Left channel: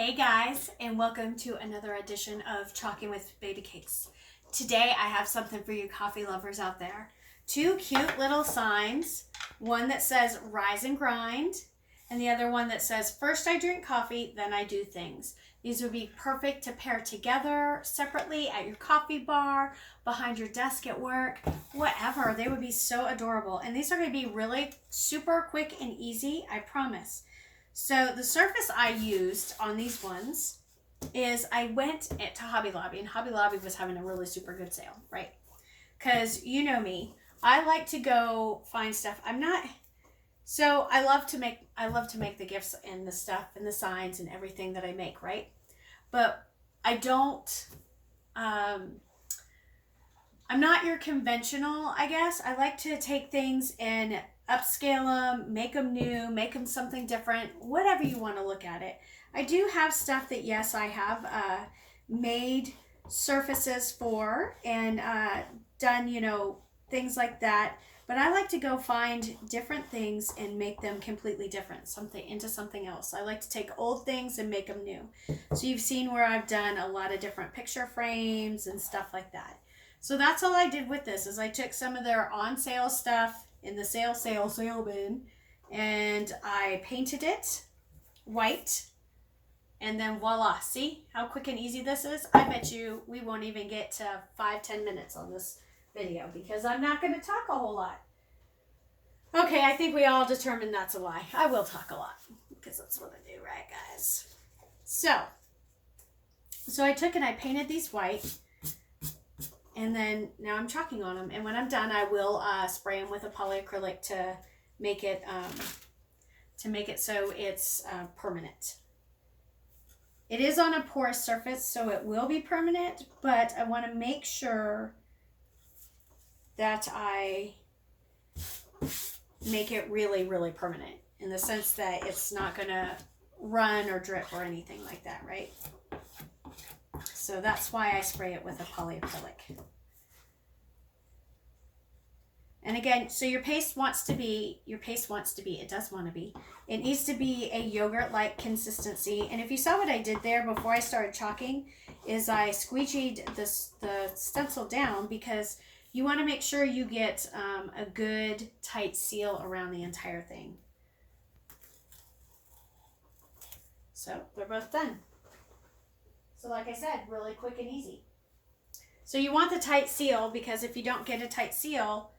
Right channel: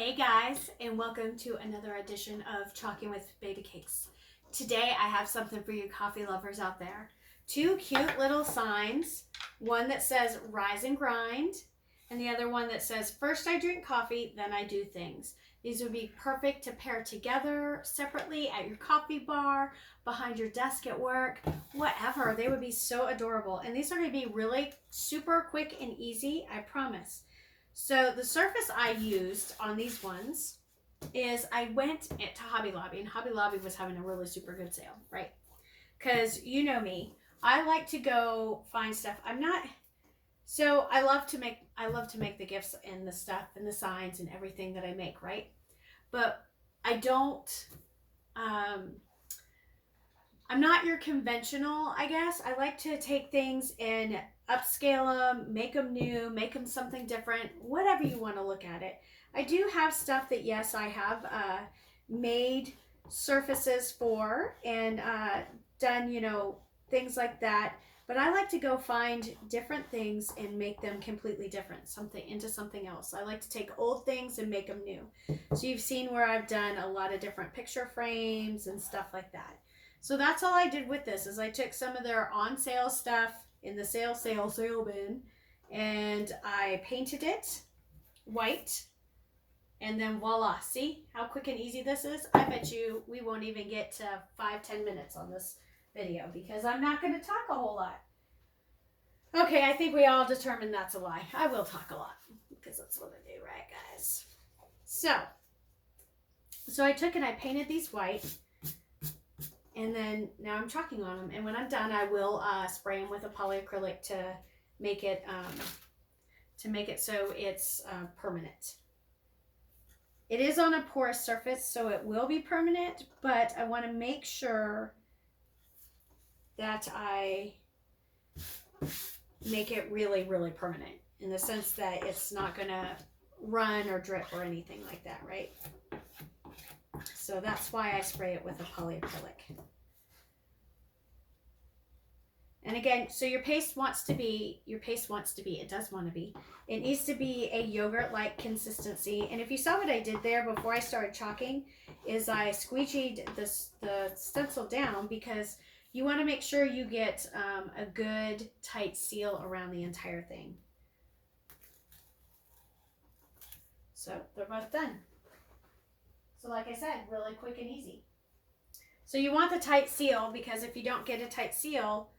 Hey guys, and welcome to another edition of Chalking with Babycakes. Today I have something for you coffee lovers out there. Two cute little signs, one that says rise and grind, and the other one that says first I drink coffee, then I do things. These would be perfect to pair together, separately, at your coffee bar, behind your desk at work, whatever. They would be so adorable. And these are going to be really super quick and easy, I promise. So the surface I used on these ones is I went to Hobby Lobby, and Hobby Lobby was having a really super good sale, right? Because you know me, I like to go find stuff. I love to make the gifts and the stuff and the signs and everything that I make, right? But I don't, I'm not your conventional, I guess. I like to take things and upscale them, make them new, make them something different, whatever you want to look at it. I do have stuff that, yes, I have made surfaces for and done, things like that. But I like to go find different things and make them completely different, into something else. I like to take old things and make them new. So you've seen where I've done a lot of different picture frames and stuff like that. So that's all I did with this, is I took some of their on sale stuff in the sale bin, and I painted it white, and then voila. See how quick and easy this is? I bet you we won't even get to 5-10 minutes on this video because I'm not going to talk a whole lot. Okay, I think we all determined that's a lie. I will talk a lot because that's what I do, right, guys? So I took and I painted these white. And then now I'm chalking on them. And when I'm done, I will spray them with a polyacrylic to make it so it's permanent. It is on a porous surface, so it will be permanent, but I want to make sure that I make it really, really permanent in the sense that it's not going to run or drip or anything like that, right? So that's why I spray it with a polyacrylic. And again, so it does want to be, it needs to be a yogurt-like consistency. And if you saw what I did there before I started chalking, is I squeegeed the stencil down because you want to make sure you get a good tight seal around the entire thing. So they're both done. So like I said, really quick and easy. So you want the tight seal because if you don't get a tight seal,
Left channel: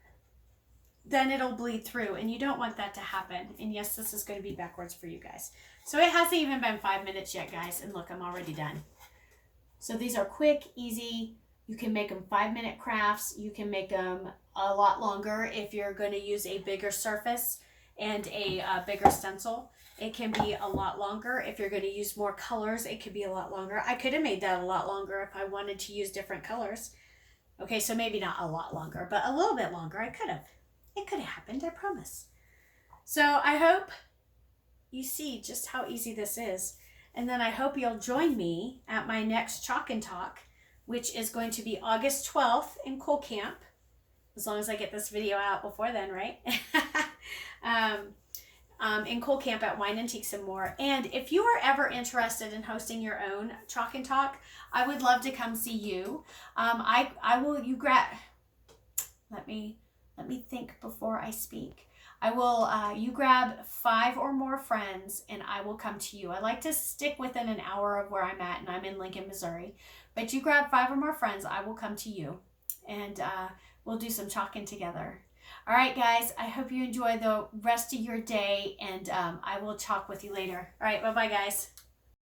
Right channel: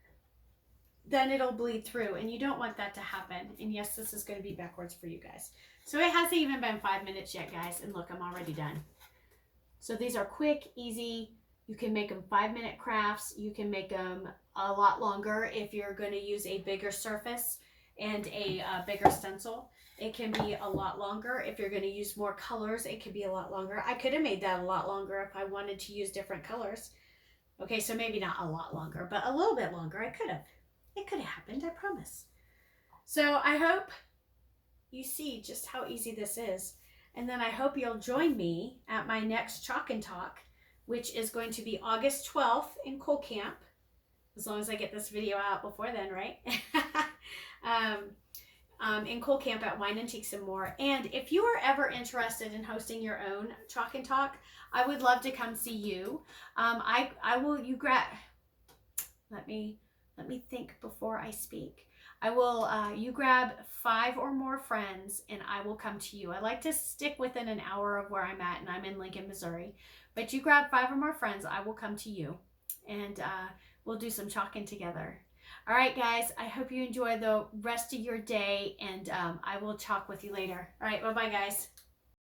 then it'll bleed through, and you don't want that to happen. And yes, this is going to be backwards for you guys. So it hasn't even been 5 minutes yet, guys, and look, I'm already done. So these are quick, easy. You can make them 5-minute crafts. You can make them a lot longer if you're going to use a bigger surface and a bigger stencil. It can be a lot longer. If you're going to use more colors, it could be a lot longer. I could have made that a lot longer if I wanted to use different colors. Okay, so maybe not a lot longer, but a little bit longer. I could have. It could have happened, I promise. So I hope you see just how easy this is. And then I hope you'll join me at my next Chalk and Talk, which is going to be August 12th in Cool Camp. As long as I get this video out before then, right? In Cool Camp at Wine Antiques and More. And if you are ever interested in hosting your own Chalk and Talk, I would love to come see you. Let me think before I speak. You grab 5 or more friends and I will come to you. I like to stick within an hour of where I'm at, and I'm in Lincoln, Missouri. But you grab 5 or more friends, I will come to you, and we'll do some chalking together. All right, guys, I hope you enjoy the rest of your day, and I will chalk with you later. All right, bye-bye, guys.